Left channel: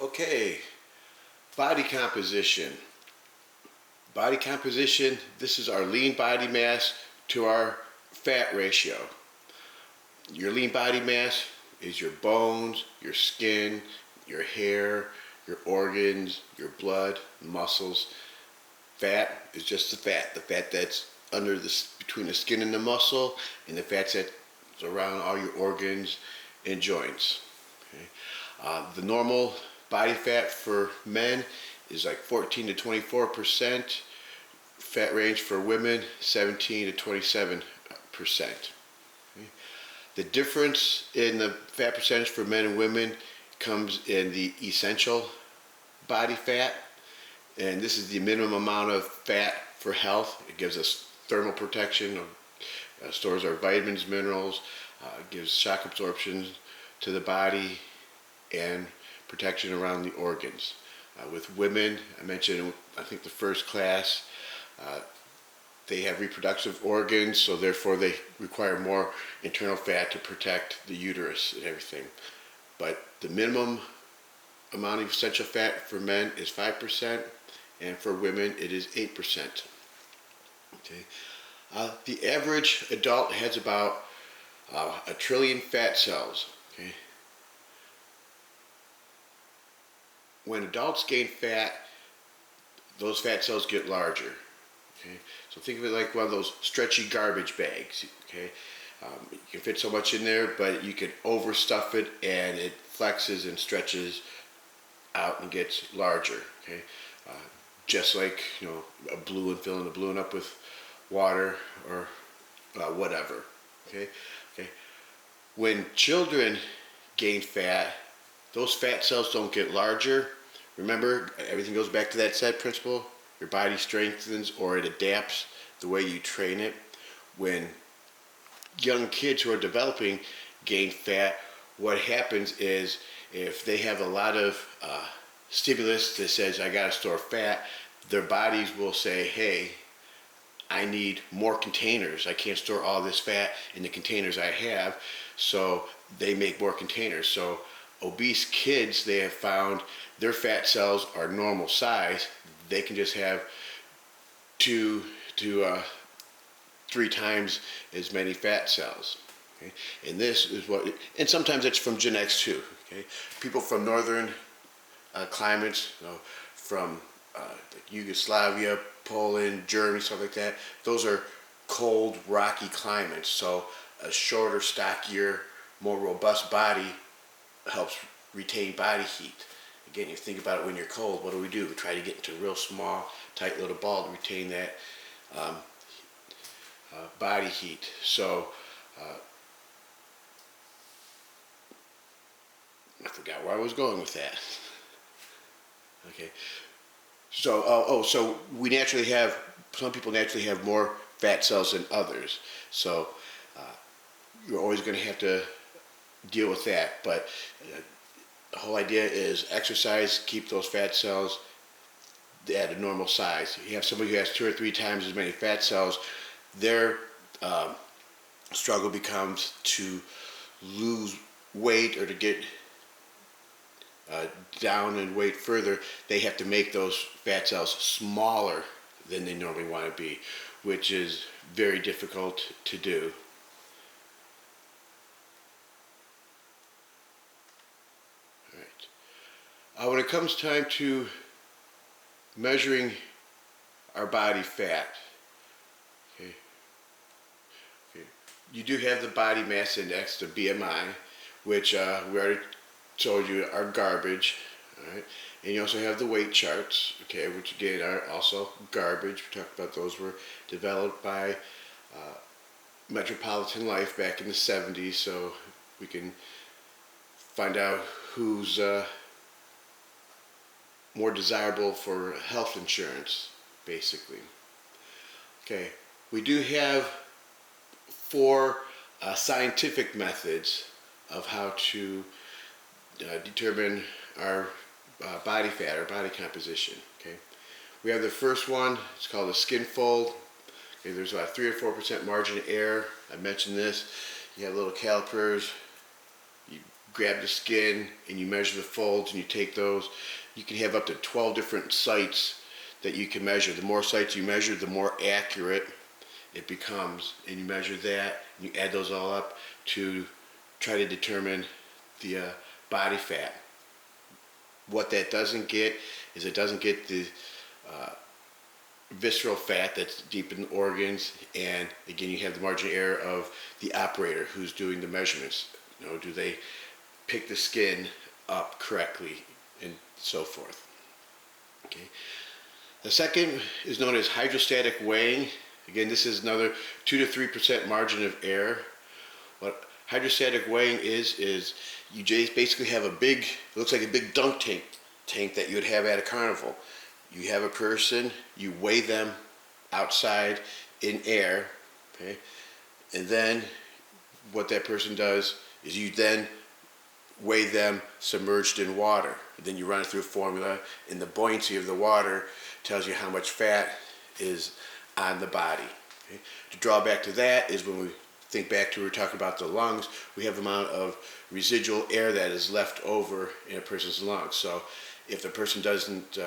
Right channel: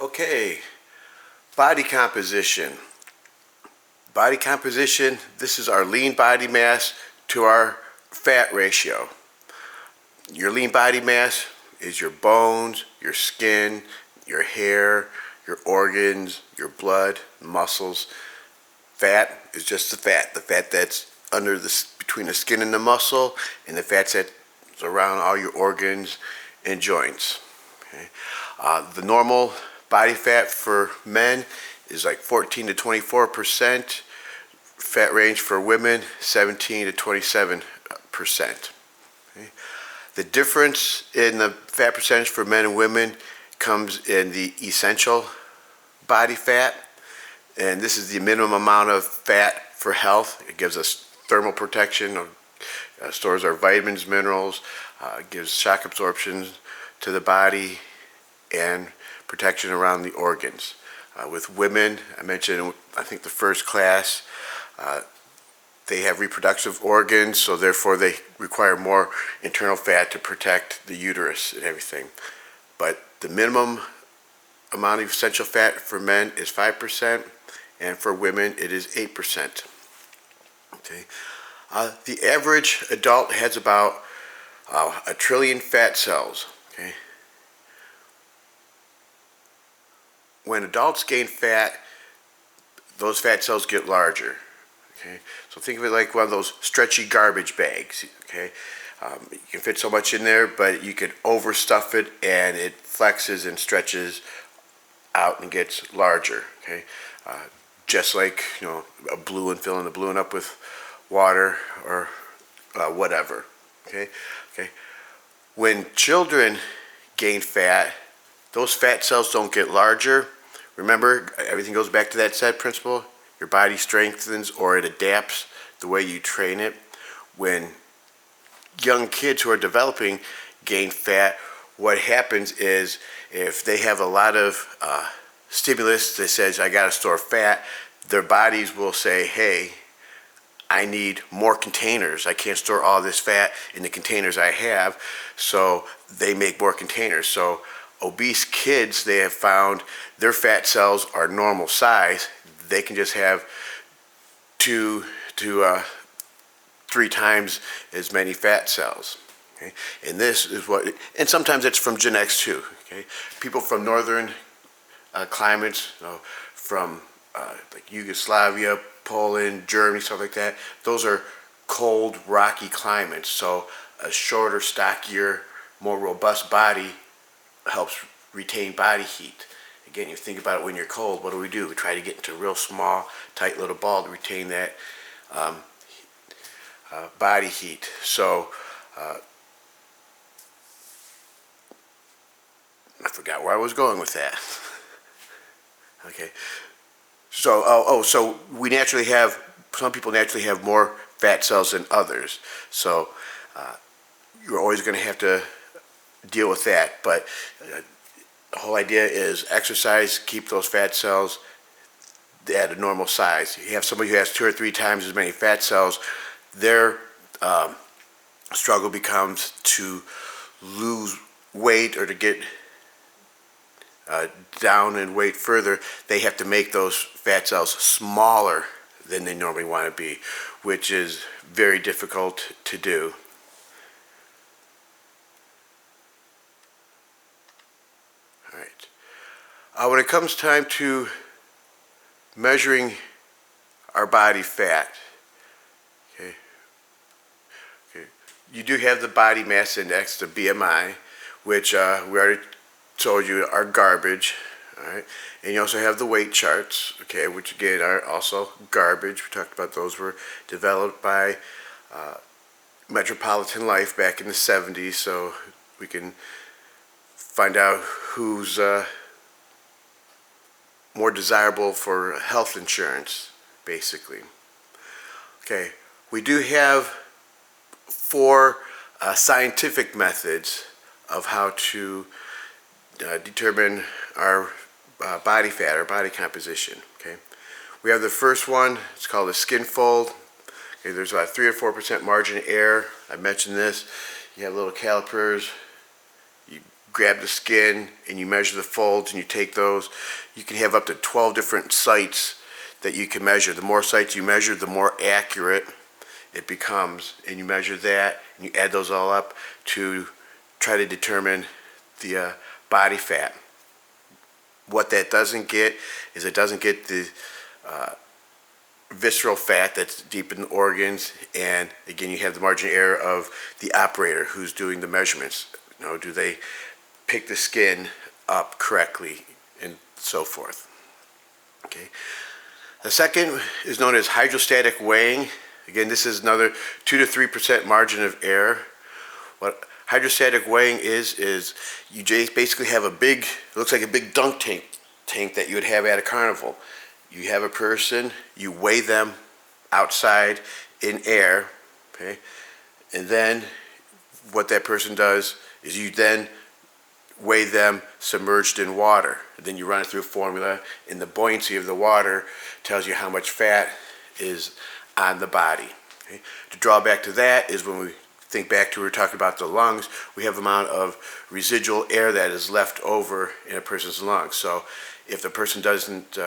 Okay, body composition. Body composition, this is our lean body mass to our fat ratio. Your lean body mass is your bones, your skin, your hair, your organs, your blood, muscles. Fat is just the fat that's under between the skin and the muscle, and the fat that's around all your organs and joints. Okay? The normal body fat for men is like 14 to 24%. Fat range for women, 17 to 27%. Okay? The difference in the fat percentage for men and women comes in the essential body fat, and this is the minimum amount of fat for health. It gives us thermal protection, stores our vitamins, minerals, gives shock absorption to the body, and protection around the organs. With women, I mentioned, I think the first class, they have reproductive organs, so therefore they require more internal fat to protect the uterus and everything. But the minimum amount of essential fat for men is 5%, and for women it is 8%. Okay. The average adult has about 1 trillion fat cells. Okay. When adults gain fat, those fat cells get larger. Okay, so think of it like one of those stretchy garbage bags. Okay, you can fit so much in there, but you can overstuff it, and it flexes and stretches out and gets larger. Okay, just like a balloon, filling a balloon up with water or whatever. Okay, when children gain fat, those fat cells don't get larger. Remember, everything goes back to that SAT principle. Your body strengthens or it adapts the way you train it. When young kids who are developing gain fat, what happens is if they have a lot of stimulus that says, I got to store fat, their bodies will say, hey, I need more containers. I can't store all this fat in the containers I have, so they make more containers. So obese kids, they have found their fat cells are normal size. They can just have 2 to 3 times as many fat cells. Okay? And this is and sometimes it's from genetics too. Okay? People from northern climates, from like Yugoslavia, Poland, Germany, stuff like that, those are cold, rocky climates. So a shorter, stockier, more robust body helps retain body heat. Again, you think about it when you're cold, what do? We try to get into a real small, tight little ball to retain that body heat. So, I forgot where I was going with that. Okay. So, so some people naturally have more fat cells than others. So, you're always going to have to deal with that. But the whole idea is exercise, keep those fat cells at a normal size. You have somebody who has 2 or 3 times as many fat cells, their struggle becomes to lose weight or to get down in weight further. They have to make those fat cells smaller than they normally want to be, which is very difficult to do. When it comes time to measuring our body fat, okay, you do have the body mass index, the BMI, which we already told you are garbage. All right, and you also have the weight charts, okay, which again are also garbage. We talked about those were developed by Metropolitan Life back in the 70s, so we can find out who's more desirable for health insurance, basically. Okay, we do have 4 scientific methods of how to determine our body fat, our body composition. Okay, we have the first one. It's called a skin fold. Okay, there's about 3 or 4% margin of error. I mentioned this. You have little calipers. You grab the skin and you measure the folds and you take those. You can have up to 12 different sites that you can measure. The more sites you measure, the more accurate it becomes. And you measure that, and you add those all up to try to determine the body fat. What that doesn't get is it doesn't get the visceral fat that's deep in the organs, and again you have the margin of error of the operator who's doing the measurements. Do they pick the skin up correctly and so forth. Okay. The second is known as hydrostatic weighing. Again, this is another 2 to 3% margin of error. What hydrostatic weighing is you basically have a big, it looks like a big dunk tank that you would have at a carnival. You have a person, you weigh them outside in air, okay, and then what that person does is you then weigh them submerged in water. And then you run it through a formula, and the buoyancy of the water tells you how much fat is on the body. Okay? The drawback to that is when we think back to, we were talking about the lungs, we have the amount of residual air that is left over in a person's lungs. So if the person doesn't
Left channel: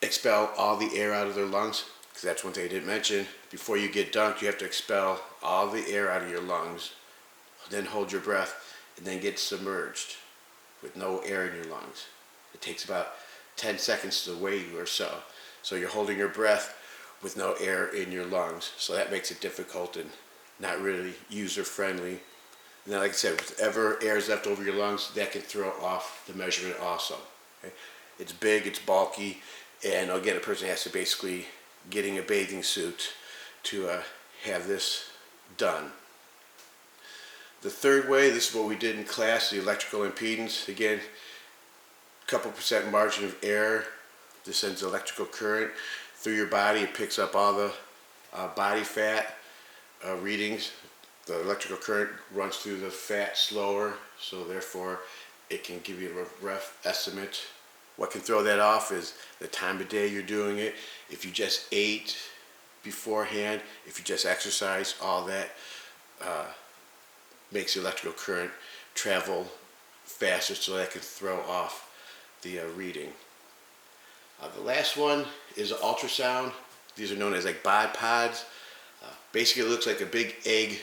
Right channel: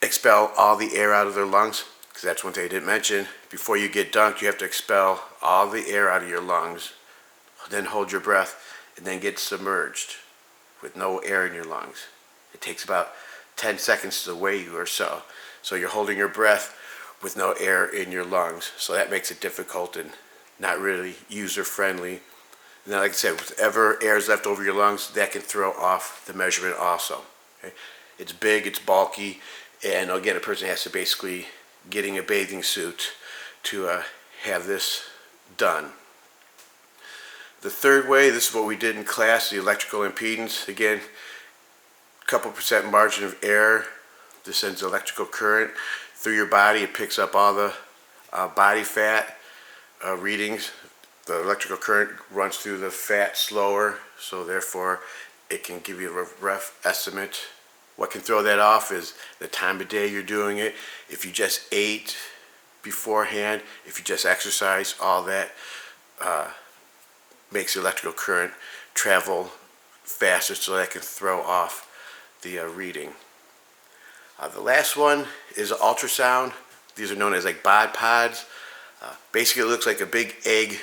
expel all the air out of their lungs, because that's one thing I didn't mention, before you get dunked you have to expel all the air out of your lungs, then hold your breath, and then get submerged with no air in your lungs. It takes about 10 seconds to weigh you or so. So you're holding your breath with no air in your lungs. So that makes it difficult and not really user-friendly. And then, like I said, whatever air is left over your lungs, that can throw off the measurement also. Okay? It's big, it's bulky, and again, a person has to basically getting a bathing suit to have this done. The third way, this is what we did in class, the electrical impedance. Again, a couple percent margin of error. This sends electrical current through your body. It picks up all the body fat readings. The electrical current runs through the fat slower, so therefore it can give you a rough estimate. What can throw that off is the time of day you're doing it. If you just ate beforehand, if you just exercise, all that makes the electrical current travel faster, so that can throw off the reading. The last one is ultrasound. These are known as like bipods. Basically it looks like a big egg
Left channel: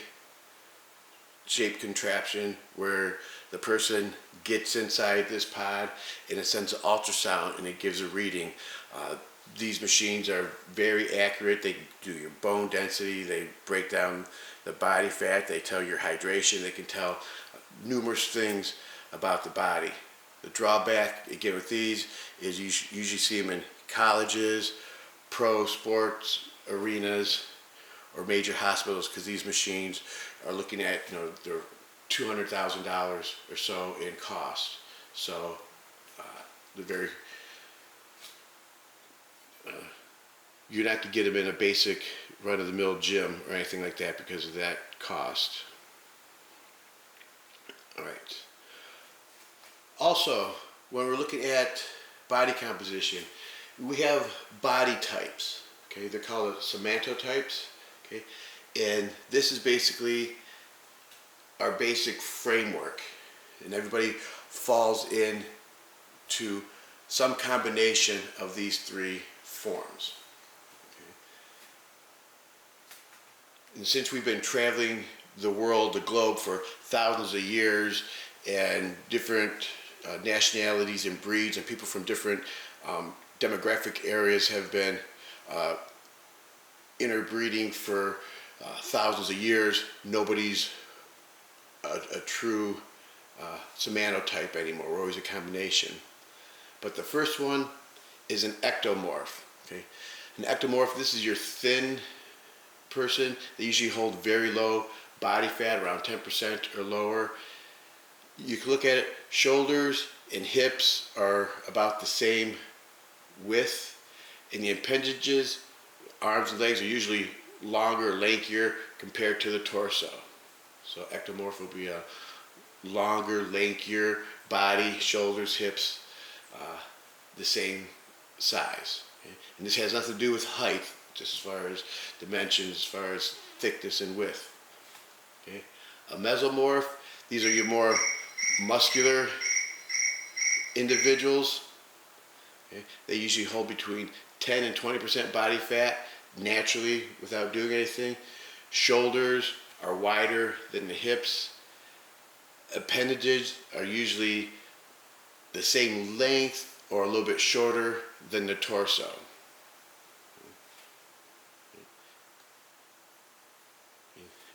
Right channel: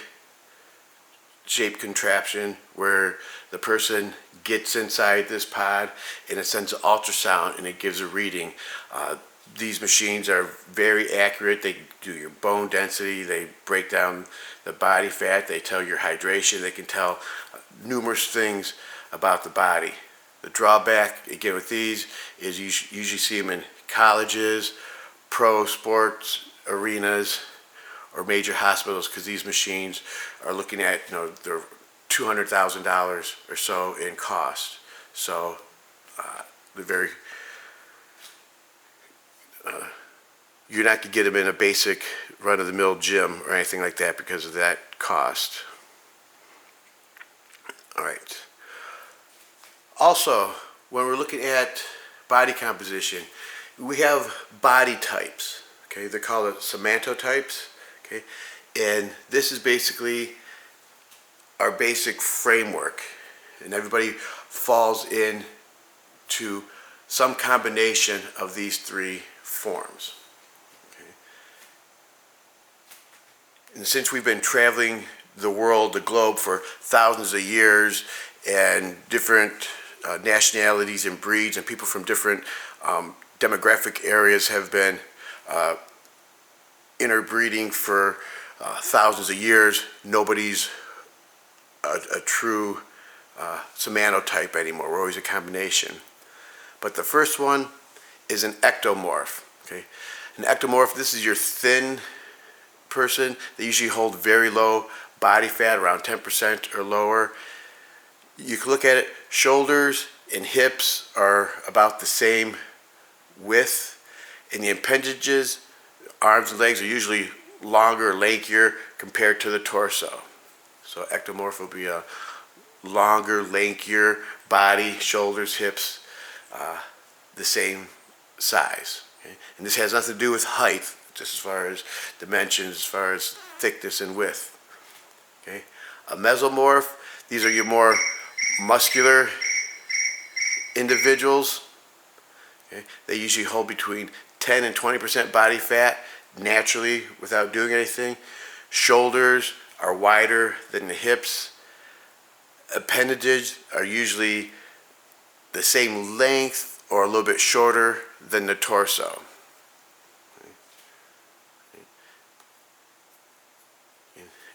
shaped contraption where the person gets inside this pod and it sends an ultrasound and it gives a reading. These machines are very accurate. They do your bone density, they break down the body fat, they tell your hydration, they can tell numerous things about the body. The drawback, again, with these is you usually see them in colleges, pro sports arenas, or major hospitals, because these machines are looking at, they're $200,000 or so in cost. So they're very, you're not to get them in a basic run-of-the-mill gym or anything like that because of that cost. All right. Also, when we're looking at body composition, we have body types. Okay, they're called somatottypes. Okay, and this is basically our basic framework, and everybody falls into some combination of these three forms. Okay. And since we've been traveling the world, the globe, for thousands of years, and different nationalities and breeds and people from different demographic areas have been interbreeding for thousands of years, nobody's a true somatotype anymore. We're always a combination. But the first one is an ectomorph. Okay, an ectomorph, this is your thin person. They usually hold very low body fat, around 10% or lower. You can look at it, shoulders and hips are about the same width, and the appendages, arms and legs, are usually longer, lankier compared to the torso. So ectomorph will be a longer, lankier body, shoulders, hips, the same size. Okay? And this has nothing to do with height, just as far as dimensions, as far as thickness and width. Okay? A mesomorph, these are your more muscular individuals, okay, they usually hold between 10 and 20% body fat naturally without doing anything. Shoulders are wider than the hips. Appendages are usually the same length or a little bit shorter than the torso.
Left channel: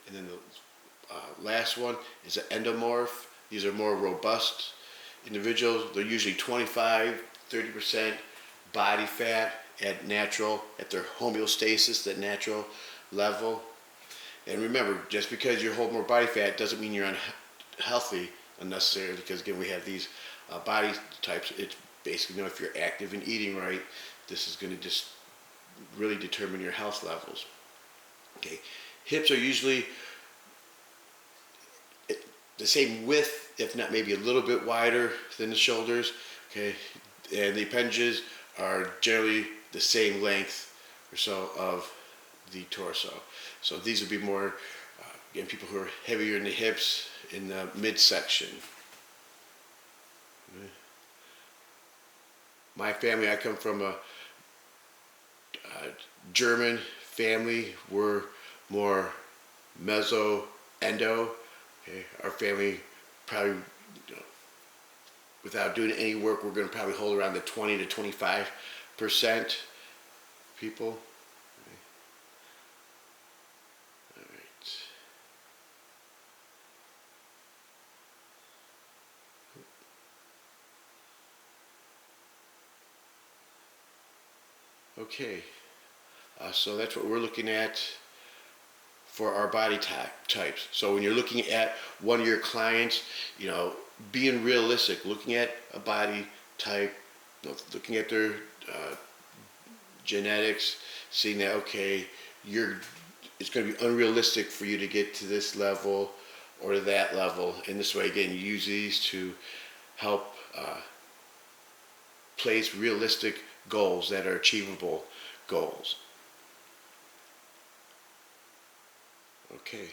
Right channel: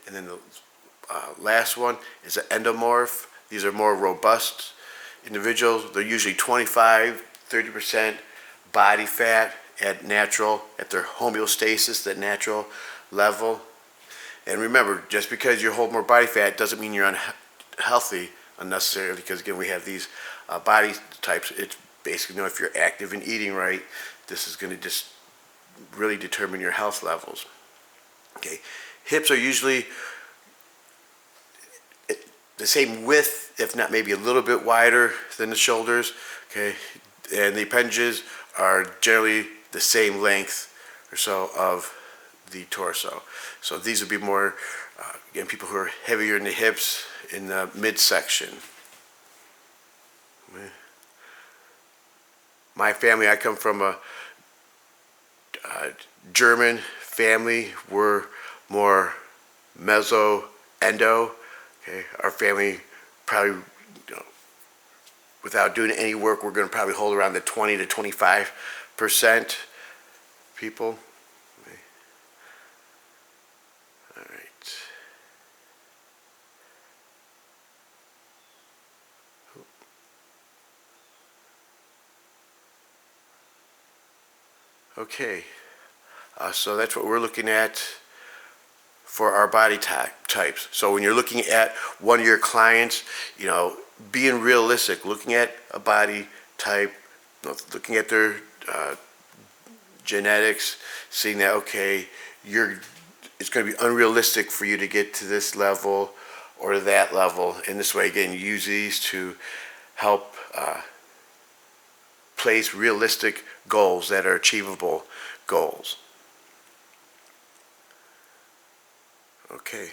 And then the last one is an endomorph. These are more robust individuals. They're usually 25-30% body fat at their homeostasis, that natural level. And remember, just because you hold more body fat doesn't mean you're unhealthy unnecessarily, because again, we have these body types. It's basically, if you're active and eating right, this is going to just really determine your health levels. Okay, hips are usually the same width, if not maybe a little bit wider than the shoulders. Okay, and the appendages are generally the same length or so of the torso. So these would be more, again, people who are heavier in the hips, in the midsection. My family, I come from a German family. We're more meso-endo. Okay, our family probably, without doing any work, we're going to probably hold around the 20 to 25% people. Okay. All right. Okay, so that's what we're looking at for our body types. So when you're looking at one of your clients, being realistic, looking at a body type, looking at their genetics, seeing that, okay, it's going to be unrealistic for you to get to this level or that level. And this way, again, you use these to help place realistic goals that are achievable goals. Okay.